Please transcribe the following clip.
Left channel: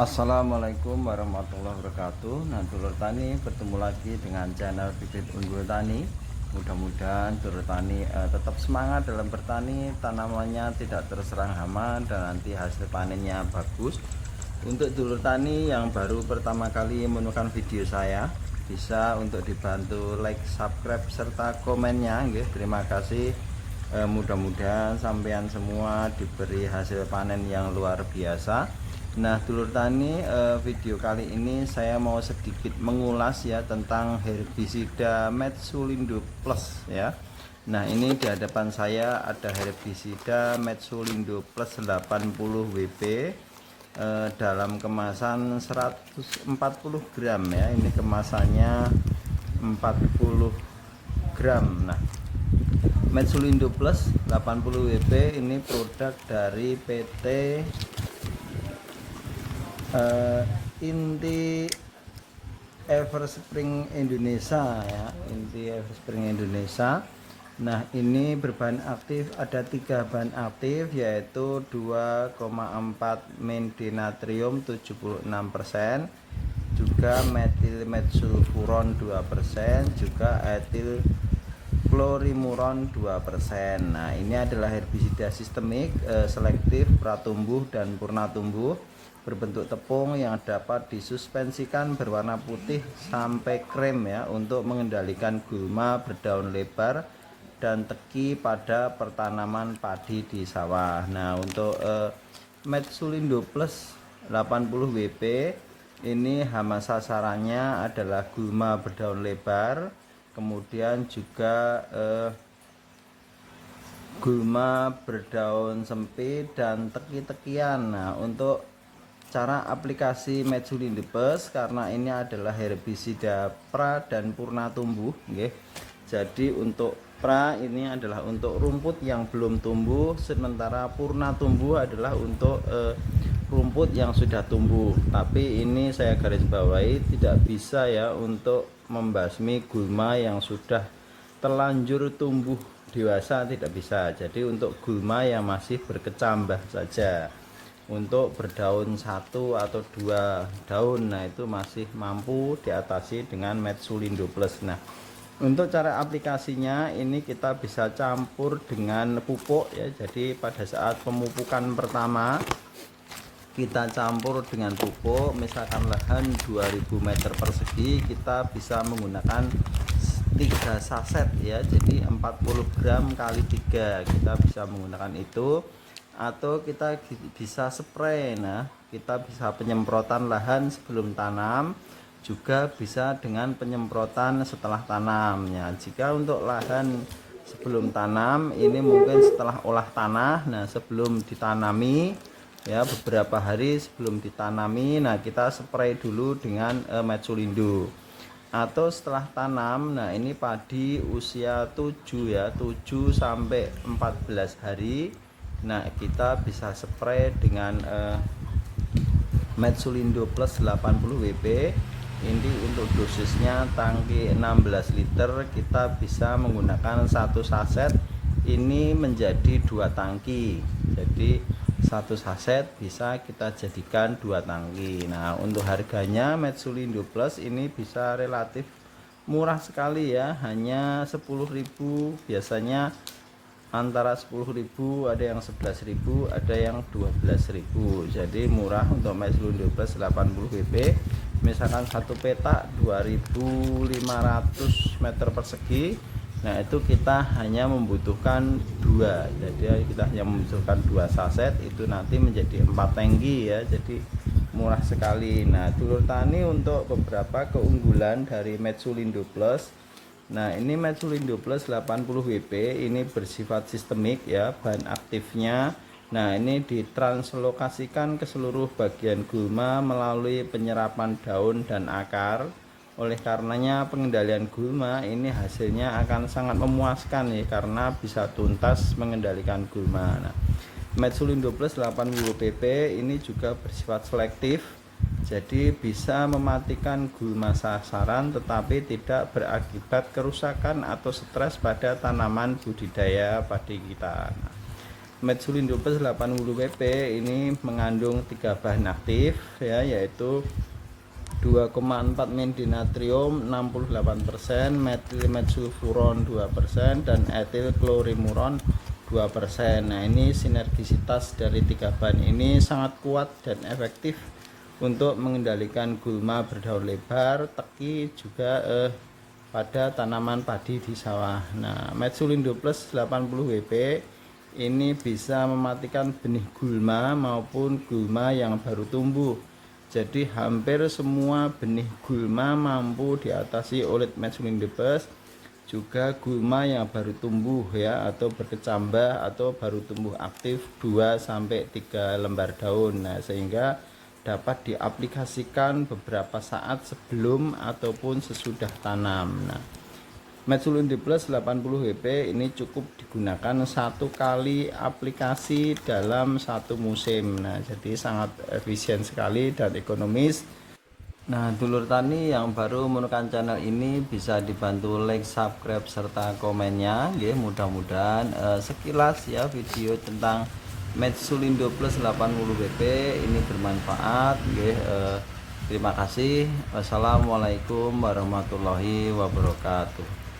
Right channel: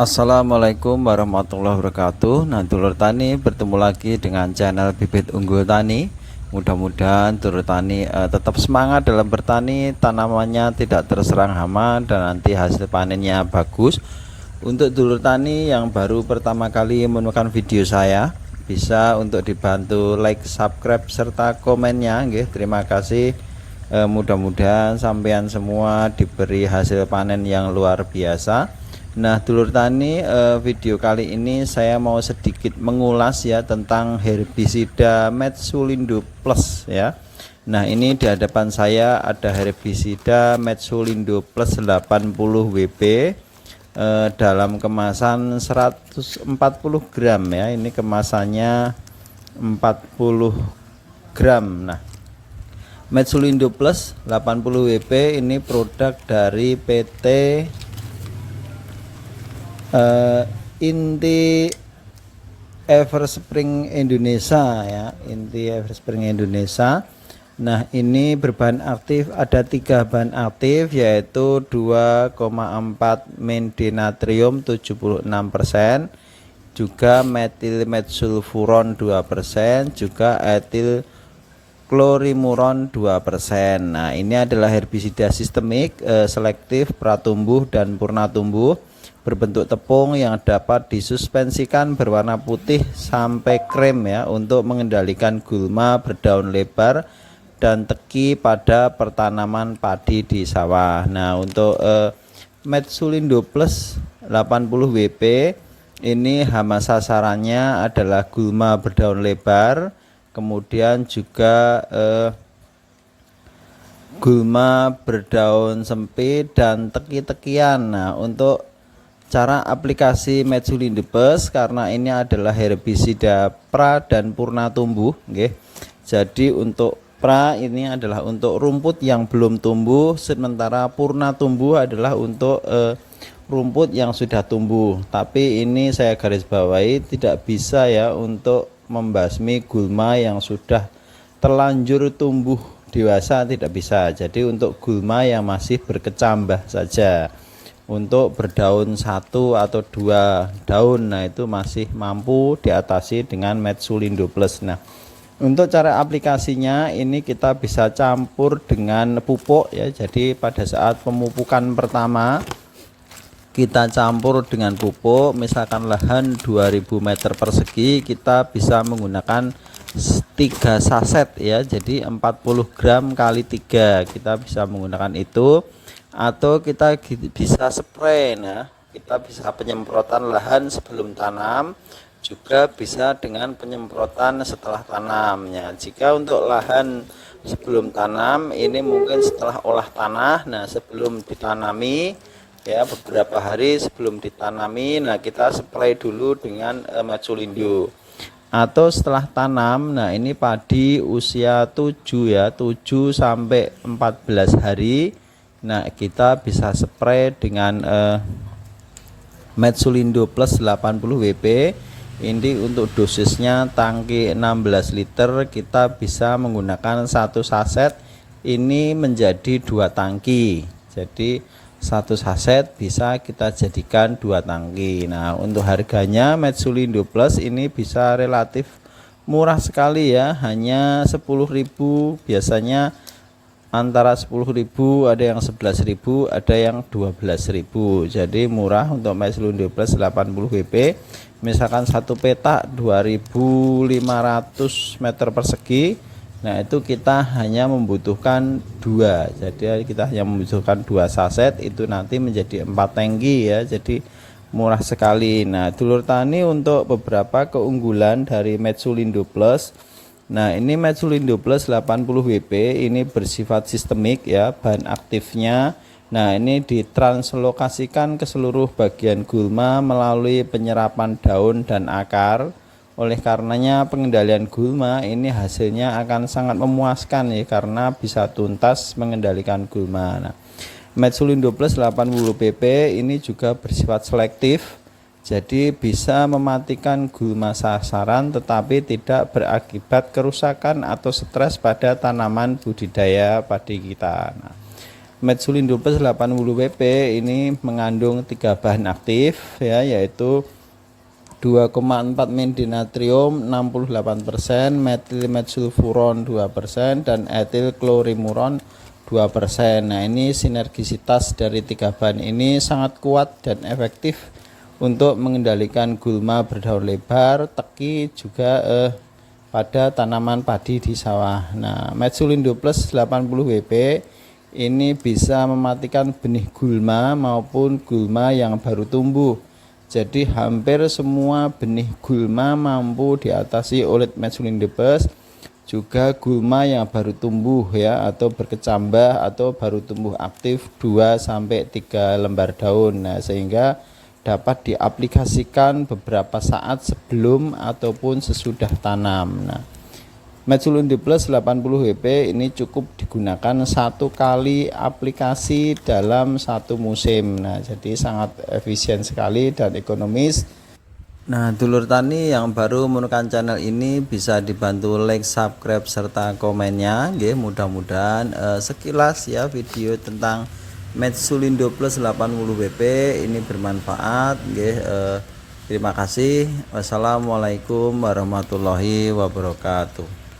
Assalamualaikum warahmatullahi wabarakatuh. Nah, dulur tani bertemu lagi dengan channel Bibit Unggul Tani. Mudah-mudahan dulur tani tetap semangat dalam bertani, tanamannya tidak terserang hama dan nanti hasil panennya bagus. Untuk dulur tani yang baru pertama kali menemukan video saya, bisa untuk dibantu like, subscribe serta komennya, nggih. Terima kasih. Mudah-mudahan sampean semua diberi hasil panen yang luar biasa. Nah, dulur tani, video kali ini saya mau sedikit mengulas ya tentang herbisida Metsulindo Plus ya. Nah, ini di hadapan saya ada herbisida Metsulindo Plus 80 WP dalam kemasan 140 gram ya. Ini kemasannya 40 gram. Nah, Metsulindo Plus 80 WP ini produk dari PT Inti Everspring Indonesia ya, Inti Everspring Indonesia. Nah, ini berbahan aktif, ada 3 bahan aktif, yaitu 2,4 mendenatrium 76%, juga metilmetsulfuron 2%, juga etil klorimuron 2%. Nah, ini adalah herbisida sistemik, selektif, pratumbuh dan purnatumbuh, berbentuk tepung yang dapat disuspensikan berwarna putih sampai krem ya, untuk mengendalikan gulma berdaun lebar dan teki pada pertanaman padi di sawah. Nah, untuk Metsulindo Plus 80 WP ini hama sasarannya adalah gulma berdaun lebar, kemudian juga gulma berdaun sempit dan teki-tekian. Nah, untuk cara aplikasi Metsulindo Plus, karena ini adalah herbisida pra dan purna tumbuh, okay. Jadi untuk pra ini adalah untuk rumput yang belum tumbuh, sementara purna tumbuh adalah untuk rumput yang sudah tumbuh. Tapi ini saya garis bawahi, tidak bisa ya untuk membasmi gulma yang sudah terlanjur tumbuh dewasa, tidak bisa. Jadi untuk gulma yang masih berkecambah saja, untuk berdaun 1 atau 2 daun, nah itu masih mampu diatasi dengan Metsulindo Plus. Nah, untuk cara aplikasinya ini kita bisa campur dengan pupuk ya. Jadi pada saat pemupukan pertama kita campur dengan pupuk, misalkan lahan 2000 meter persegi, kita bisa menggunakan 3 saset ya, jadi 40 gram kali 3, kita bisa menggunakan itu. Atau kita bisa spray. Nah, kita bisa penyemprotan lahan sebelum tanam, juga bisa dengan penyemprotan setelah tanamnya. Jika untuk lahan sebelum tanam ini mungkin setelah olah tanah, nah sebelum ditanami ya, beberapa hari sebelum ditanami, nah kita spray dulu dengan Metsulindo. Atau setelah tanam, nah ini padi usia 7 ya, 7 sampai 14 hari. Nah, kita bisa spray dengan Metsulindo Plus 80 WP. Ini untuk dosisnya tangki 16 liter, kita bisa menggunakan 1 saset ini menjadi 2 tangki. Jadi 1 saset bisa kita jadikan 2 tangki. Nah, untuk harganya Metsulindo Plus ini bisa relatif murah sekali ya, hanya 10.000, biasanya antara 10.000, ada yang 11.000, ada yang 12.000. Jadi murah untuk Metsulindo Plus 80 WP. Misalkan satu petak 2.500 meter persegi, nah itu kita hanya membutuhkan 2. Jadi kita hanya membutuhkan 2 saset, itu nanti menjadi 4 tangki ya. Jadi murah sekali. Nah, dulur tani, untuk beberapa keunggulan dari Metsulindo Plus. Nah, ini Metsulindo Plus 80 WP ini bersifat sistemik ya, bahan aktifnya. Nah, ini ditranslokasikan ke seluruh bagian gulma melalui penyerapan daun dan akar. Oleh karenanya pengendalian gulma ini hasilnya akan sangat memuaskan ya, karena bisa tuntas mengendalikan gulma. Nah, Metsulindo Plus 80 WP ini juga bersifat selektif. Jadi bisa mematikan gulma sasaran tetapi tidak berakibat kerusakan atau stres pada tanaman budidaya padi kita. Nah, Metsulindo Plus 80 WP ini mengandung 3 bahan aktif ya, yaitu 2,4 mendinatrium 68%, metilmetsulfuron 2%, dan etil klorimuron 2%. Nah, ini sinergisitas dari 3 bahan ini sangat kuat dan efektif untuk mengendalikan gulma berdaun lebar, teki, juga pada tanaman padi di sawah. Nah, Metsulindo Plus 80 WP ini bisa mematikan benih gulma maupun gulma yang baru tumbuh. Jadi hampir semua benih gulma mampu diatasi oleh Metsulindo Plus, juga gulma yang baru tumbuh ya, atau berkecambah atau baru tumbuh aktif 2 sampai 3 lembar daun. Nah, sehingga dapat diaplikasikan beberapa saat sebelum ataupun sesudah tanam. Nah, Metsulindo Plus 80 WP ini cukup digunakan 1 kali aplikasi dalam 1 musim. Nah, jadi sangat efisien sekali dan ekonomis. Nah, dulur tani yang baru menemukan channel ini bisa dibantu like, subscribe, serta komennya. Mudah-mudahan sekilas ya video tentang Metsulindo Plus 80 WP ini bermanfaat. Terima kasih. Wassalamualaikum warahmatullahi wabarakatuh.